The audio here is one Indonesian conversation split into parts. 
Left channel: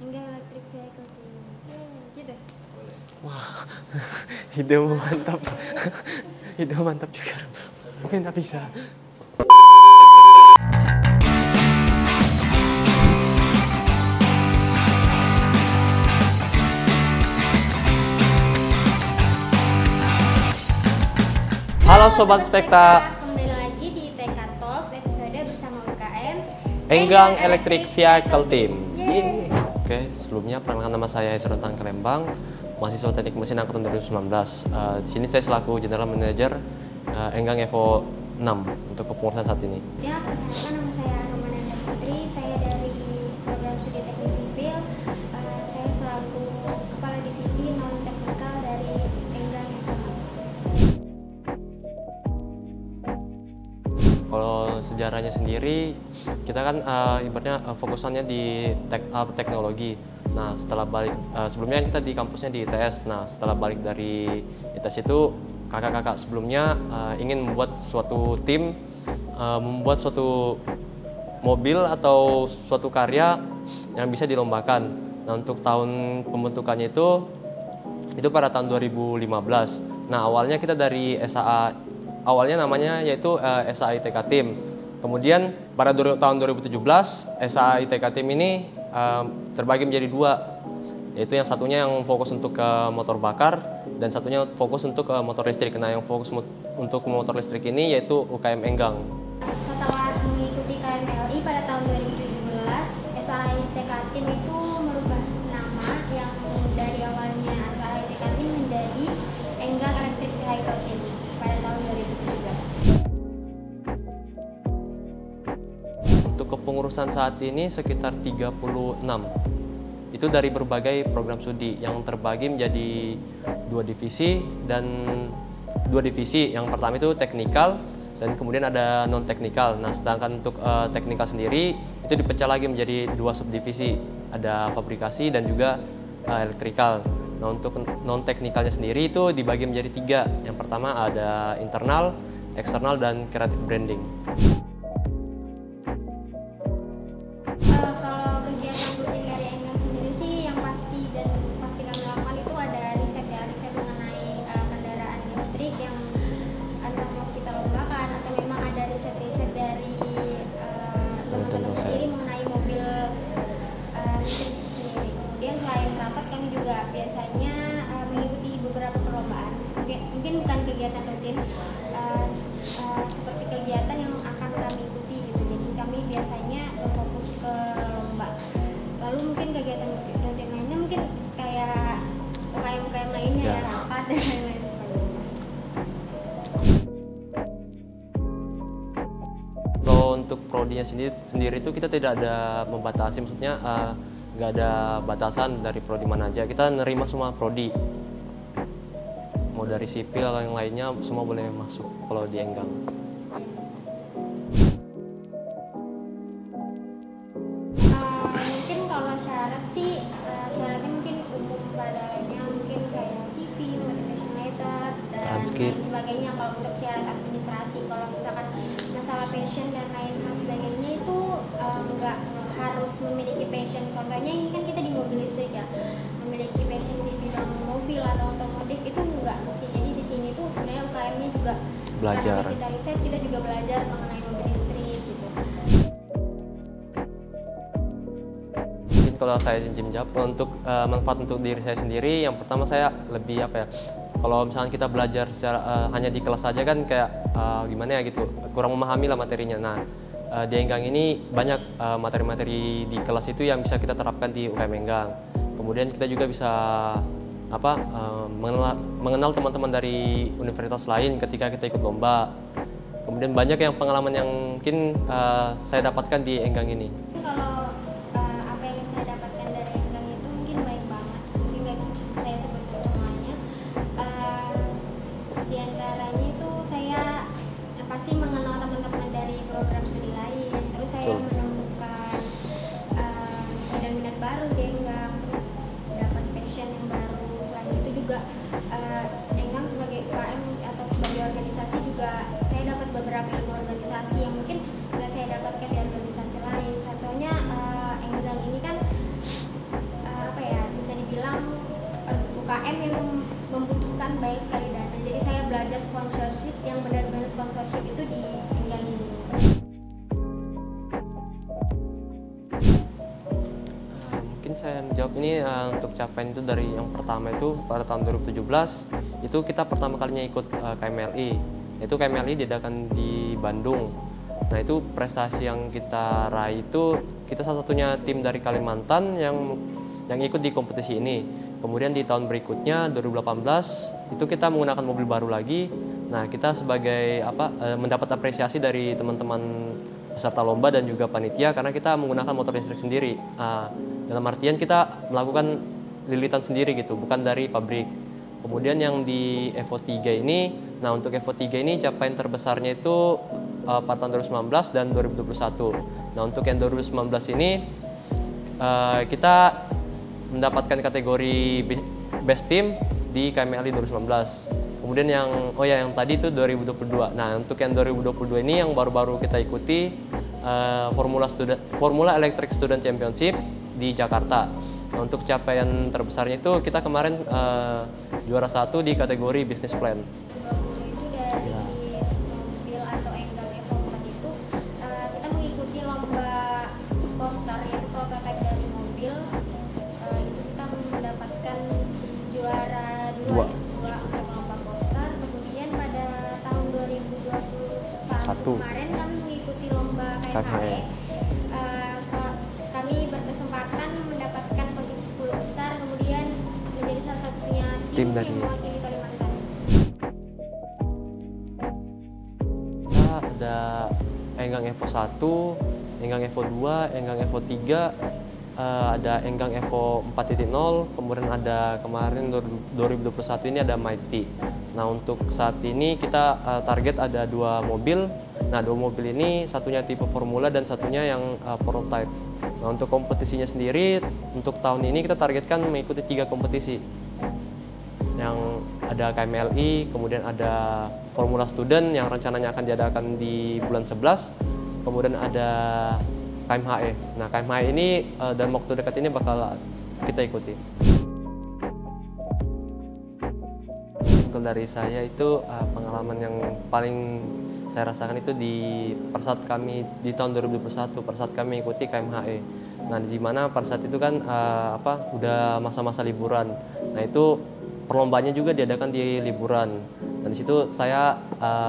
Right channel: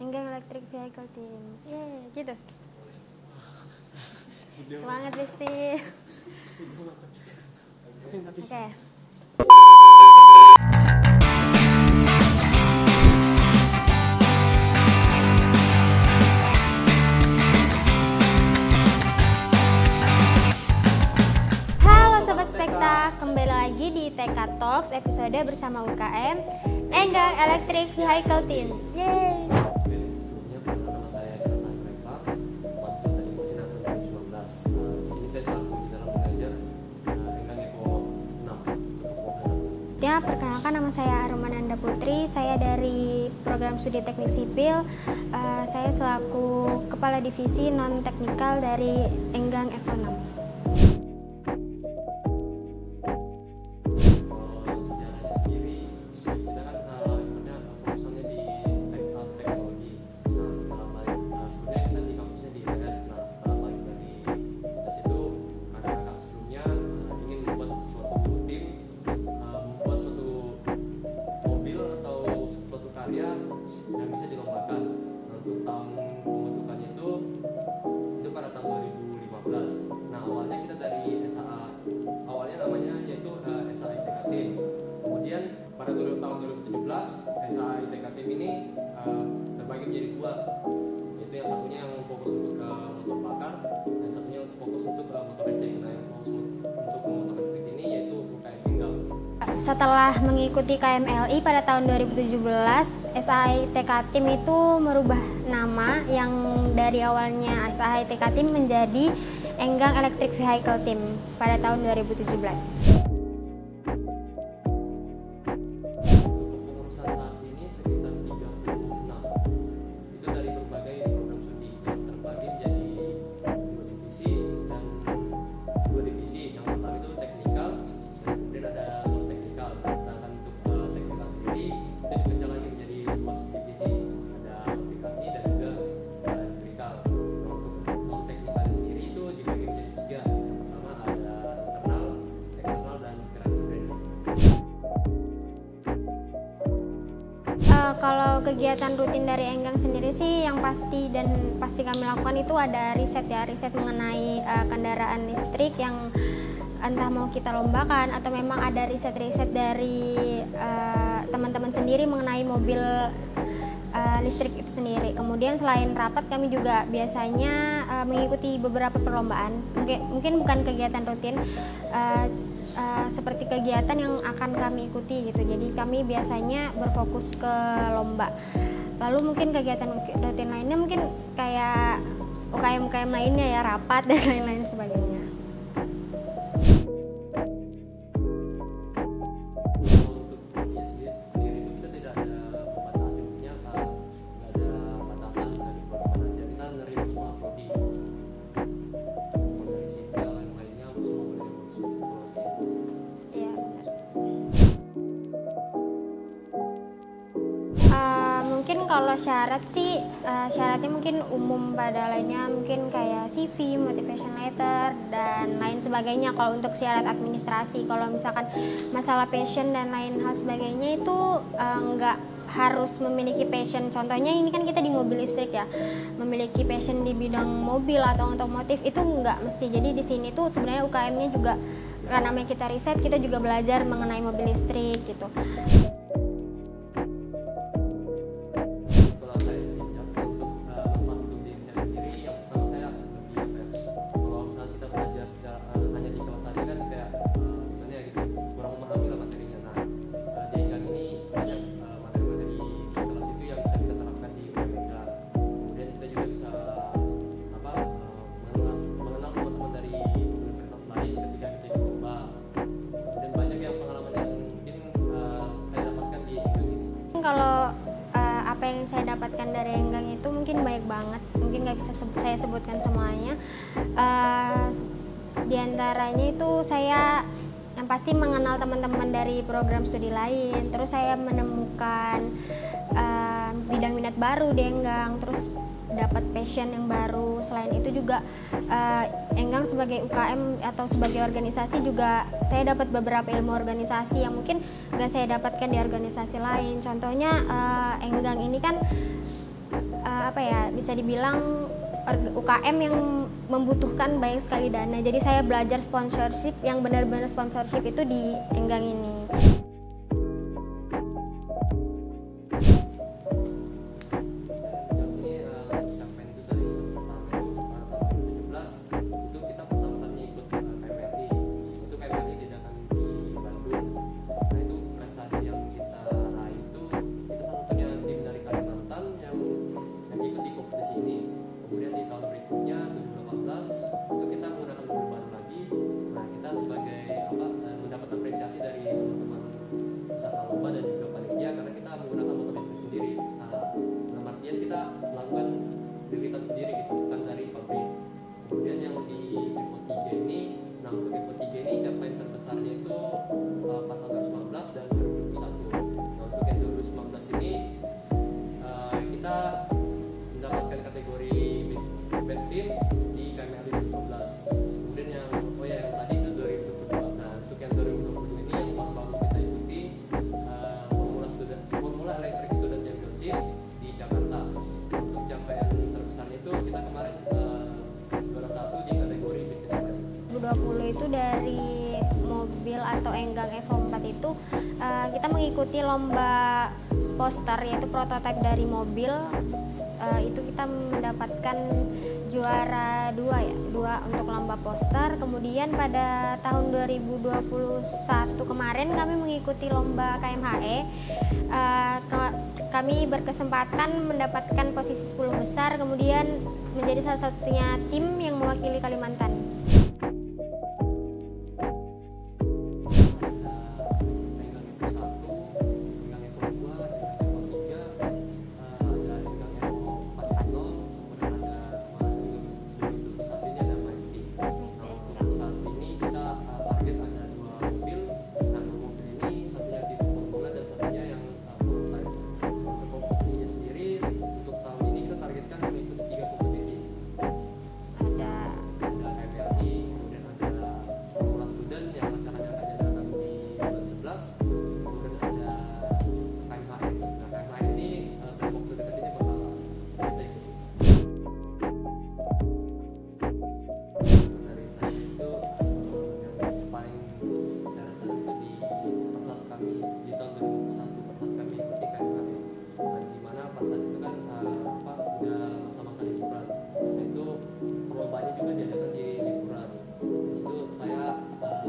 Enggang Electric Vehicle Team. Gitu. Wah, ide mantap. Gusti. Ide mantap juga. Mungkin tak bisa. Oke. Halo Sobat Spekta. Kembali lagi di TK Talks episode bersama UKM Enggang Electric Vehicle Team. Yeay. Oke, sebelumnya perkenalkan nama saya Hesrotang Kerembang, mahasiswa Teknik Mesin angkatan 2019. Di sini saya selaku General Manager Enggang Evo 6 untuk kepengurusan saat ini. Ya, perkenalkan nama saya Romananda Putri, saya dari program studi teknik sipil. Saya selaku kepala divisi non teknikal dari Enggang Evo 6. Kalau sejarahnya sendiri, kita kan ibaratnya fokusannya di teknologi. Nah, setelah balik sebelumnya kita di kampusnya di ITS. Nah, setelah balik dari ITS itu kakak-kakak sebelumnya ingin membuat suatu tim, membuat suatu mobil atau suatu karya yang bisa dilombakan. Nah, untuk tahun pembentukannya itu pada tahun 2015. Nah, awalnya kita dari SAA, awalnya namanya yaitu SAA ITK Team. Kemudian pada tahun 2017 SAA ITK Team ini terbagi menjadi dua, yaitu yang satunya yang fokus untuk ke motor bakar dan satunya fokus untuk ke motor listrik. Nah, yang fokus untuk motor listrik ini yaitu UKM Enggang. Setelah mengikuti KMLI pada tahun 2017, SAITK Team itu merubah nama yang dari awalnya SAITK Team menjadi Enggang Electric Vehicle Team pada tahun 2017. Untuk kepengurusan saat ini sekitar 36. Itu dari berbagai program studi yang terbagi menjadi dua divisi. Yang pertama itu teknikal dan kemudian ada non teknikal. Nah, sedangkan untuk teknikal sendiri itu dipecah lagi menjadi dua subdivisi, ada fabrikasi dan juga elektrikal. Nah, untuk non teknikalnya sendiri itu dibagi menjadi tiga. Yang pertama ada internal, eksternal, dan creative branding. Kalau kegiatan rutin dari Enggang sendiri sih yang pasti kami lakukan itu ada riset mengenai kendaraan listrik yang entah mau kita lombakan atau memang ada riset dari teman-teman sendiri mengenai mobil listrik itu sendiri. Kemudian selain rapat kami juga biasanya mengikuti beberapa perlombaan. Mungkin bukan kegiatan rutin seperti kegiatan yang akan kami ikuti gitu. Jadi kami biasanya berfokus ke lomba. Lalu mungkin kegiatan rutin lainnya mungkin kayak UKM lainnya ya, rapat dan lain-lain sebagainya. Untuk prodinya sendiri itu kita tidak ada membatasi, maksudnya nggak ada batasan dari prodi mana aja, kita nerima semua prodi, mau dari sipil atau yang lainnya semua boleh masuk kalau di Enggang. Mungkin kalau syarat sih syaratnya mungkin umum pada lainnya, mungkin kayak CV, motivation letter dan lain sebagainya. Kalau untuk syarat administrasi, kalau misalkan masalah passion dan lain hal sebagainya itu nggak harus memiliki passion. Contohnya ini kan kita di mobil listrik ya, memiliki passion di bidang mobil atau otomotif itu nggak mesti. Jadi di sini tuh sebenarnya UKM-nya juga Belajar. karena kita riset, kita juga belajar mengenai mobil listrik gitu. Kalau saya jawab untuk manfaat untuk diri saya sendiri, yang pertama saya lebih kalau misalnya kita belajar secara hanya di kelas saja kan kayak gimana ya gitu, kurang memahami lah materinya. Nah, di Enggang ini banyak materi-materi di kelas itu yang bisa kita terapkan di UKM Enggang. Kemudian kita juga bisa mengenal teman-teman dari universitas lain ketika kita ikut lomba. Kemudian banyak yang pengalaman yang mungkin saya dapatkan di Enggang ini. Kalau apa yang saya dapatkan dari Enggang itu mungkin baik banget, mungkin nggak bisa saya sebutkan semuanya. Di antaranya itu saya yang pasti mengenal teman-teman dari program studi lain, terus saya menemukan bidang-bidang baru di Enggang, terus dapat passion yang baru. Selain itu juga Enggang sebagai UKM atau sebagai organisasi juga saya dapat beberapa ilmu organisasi yang mungkin nggak saya dapatkan di organisasi lain. Contohnya Enggang ini kan bisa dibilang UKM yang membutuhkan banyak sekali dana. Jadi saya belajar sponsorship yang benar-benar sponsorship itu di Enggang ini. Mungkin saya menjawab ini untuk capaian itu dari yang pertama itu pada tahun 2017 itu kita pertama kalinya ikut KMLI. Itu KMLI diadakan di Bandung. Nah itu prestasi yang kita raih itu kita salah satunya tim dari Kalimantan yang ikut di kompetisi ini. Kemudian di tahun berikutnya 2018 itu kita menggunakan mobil baru lagi. Nah kita sebagai mendapat apresiasi dari teman-teman peserta lomba dan juga panitia karena kita menggunakan motor listrik sendiri. Dalam artian kita melakukan lilitan sendiri gitu, bukan dari pabrik. Kemudian yang di Evo 3 ini, nah untuk Evo 3 ini capaian terbesarnya itu pada tahun 2019 dan 2021. Nah untuk yang 2019 ini kita mendapatkan kategori Best Team di KMLI 2019. Kemudian yang tadi itu 2022. Nah untuk yang 2022 ini yang baru-baru kita ikuti Formula Electric Student Championship di Jakarta. Nah, untuk capaian terbesarnya itu kita kemarin juara 1 di kategori Business Plan. 2020 itu dari mobil atau Enggang Evo 4 itu kita mengikuti lomba poster yaitu prototipe dari mobil. Itu kita mendapatkan juara 2 untuk lomba poster. Kemudian pada tahun 2021 kemarin kami mengikuti lomba KMHE. Kami berkesempatan mendapatkan posisi 10 besar, kemudian menjadi salah satunya tim yang mewakili Kalimantan. Ada Enggang Evo 1, Enggang Evo 2, Enggang Evo 3, ada Enggang Evo 4.0, kemudian ada kemarin 2021 ini ada Mighty. Nah untuk saat ini kita target ada 2 mobil. Nah 2 mobil ini satunya tipe formula dan satunya yang prototype. Nah untuk kompetisinya sendiri untuk tahun ini kita targetkan mengikuti 3 kompetisi. Yang ada KMLI, kemudian ada Formula Student yang rencananya akan diadakan di bulan 11, kemudian ada KMHE. Nah KMHE ini dalam waktu dekat ini bakal kita ikuti. Untuk dari saya itu pengalaman yang paling saya rasakan itu pada saat kami di tahun 2021 pada saat kami ikuti KMHE. Nah di mana pada saat itu kan udah masa-masa liburan. Nah itu perlombaannya juga diadakan di liburan. Dan di situ saya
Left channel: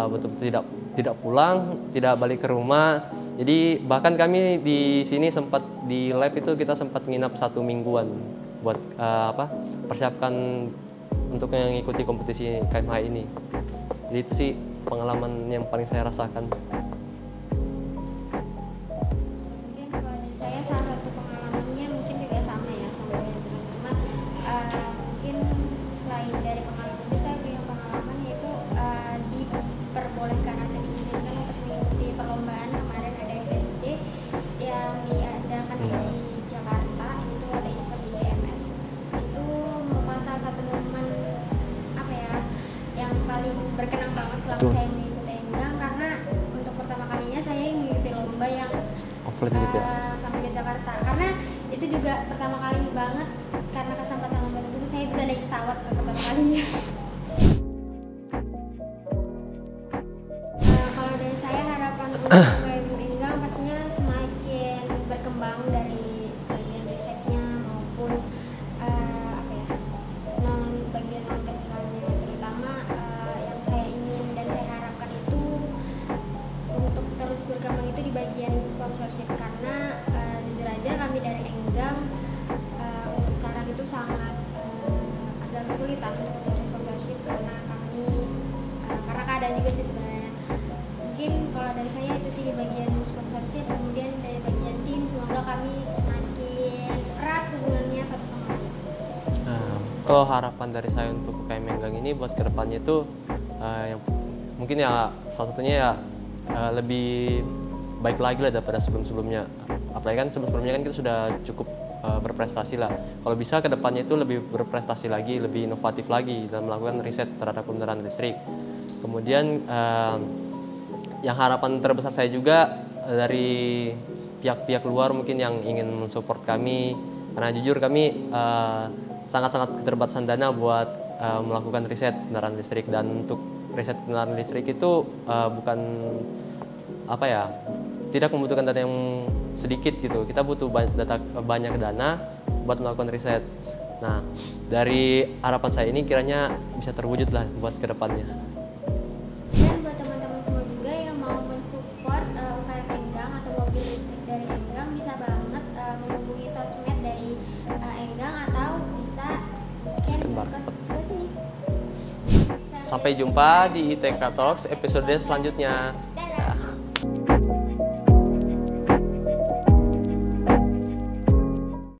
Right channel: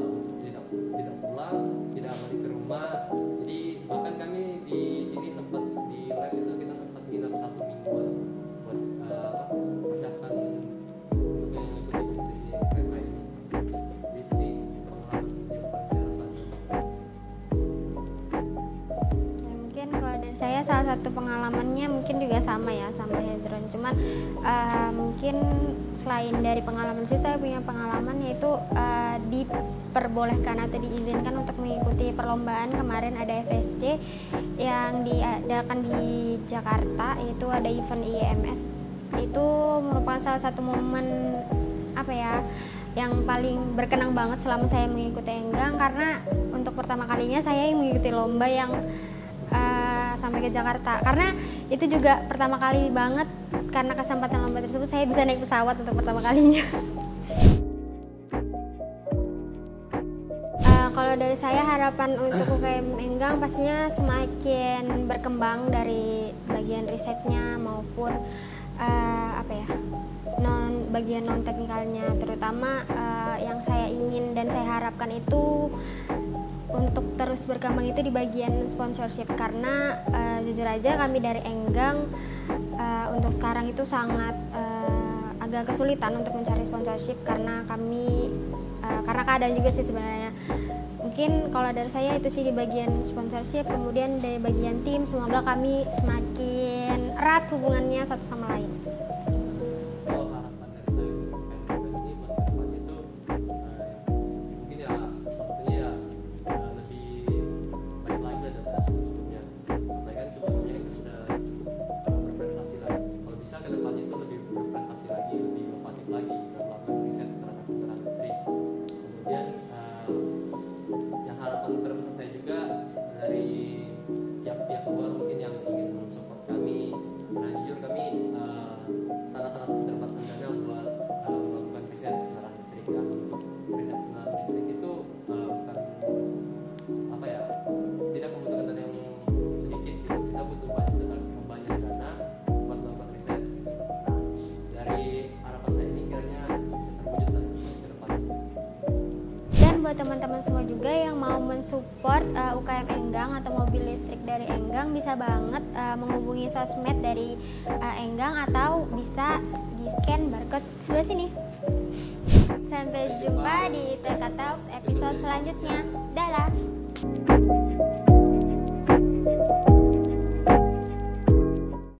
betul-betul tidak pulang, tidak balik ke rumah. Jadi bahkan kami di sini sempat di lab itu kita sempat nginap 1 mingguan buat persiapkan untuk mengikuti kompetisi KMHE ini. Jadi itu sih pengalaman yang paling saya rasakan. Mungkin kalau dari saya salah satu pengalamannya mungkin juga sama dengan Jeron. Cuman mungkin selain dari pengalaman itu saya punya pengalaman yaitu diperbolehkan atau diizinkan untuk mengikuti perlombaan. Kemarin ada FSC yang diadakan di Jakarta, itu ada event IEMS. Itu merupakan salah satu momen yang paling berkenang banget selama saya mengikuti Enggang, karena untuk pertama kalinya saya mengikuti lomba yang sampai ke Jakarta. Karena itu juga pertama kali banget, karena kesempatan lomba tersebut saya bisa naik pesawat untuk pertama kalinya. Kalau dari saya harapan untuk UKM Enggang pastinya semakin berkembang dari bagian risetnya maupun bagian non teknikalnya, terutama yang saya ingin dan saya harapkan itu untuk terus berkembang itu di bagian sponsorship, karena jujur aja kami dari Enggang untuk sekarang itu sangat agak kesulitan untuk mencari sponsorship karena karena keadaan juga sih sebenarnya. Mungkin kalau dari saya itu sih di bagian sponsorship, kemudian dari bagian tim semoga kami semakin erat hubungannya satu sama lain. Kalau harapan dari saya untuk UKM Enggang ini buat kedepannya itu mungkin salah satunya lebih baik lagi lah daripada sebelumnya. Apalagi kan sebelumnya kan kita sudah cukup berprestasi lah. Kalau bisa kedepannya itu lebih berprestasi lagi, lebih inovatif lagi dalam melakukan riset terhadap kendaraan listrik. Kemudian yang harapan terbesar saya juga dari pihak-pihak luar mungkin yang ingin mensupport kami, karena jujur kami sangat-sangat keterbatasan dana buat melakukan riset kendaraan listrik. Dan untuk riset kendaraan listrik itu bukan apa ya, tidak membutuhkan dana yang sedikit gitu. Kita butuh banyak dana buat melakukan riset. Nah, dari harapan saya ini kiranya bisa terwujud lah buat kedepannya. Dan buat teman-teman semua juga yang mau mensupport UKM Enggang atau mobil listrik dari Enggang, bisa banget menghubungi sosmed dari Enggang atau bisa di-scan barcode sebelah sini. Sampai jumpa di ITK Talks episode selanjutnya. Dadah.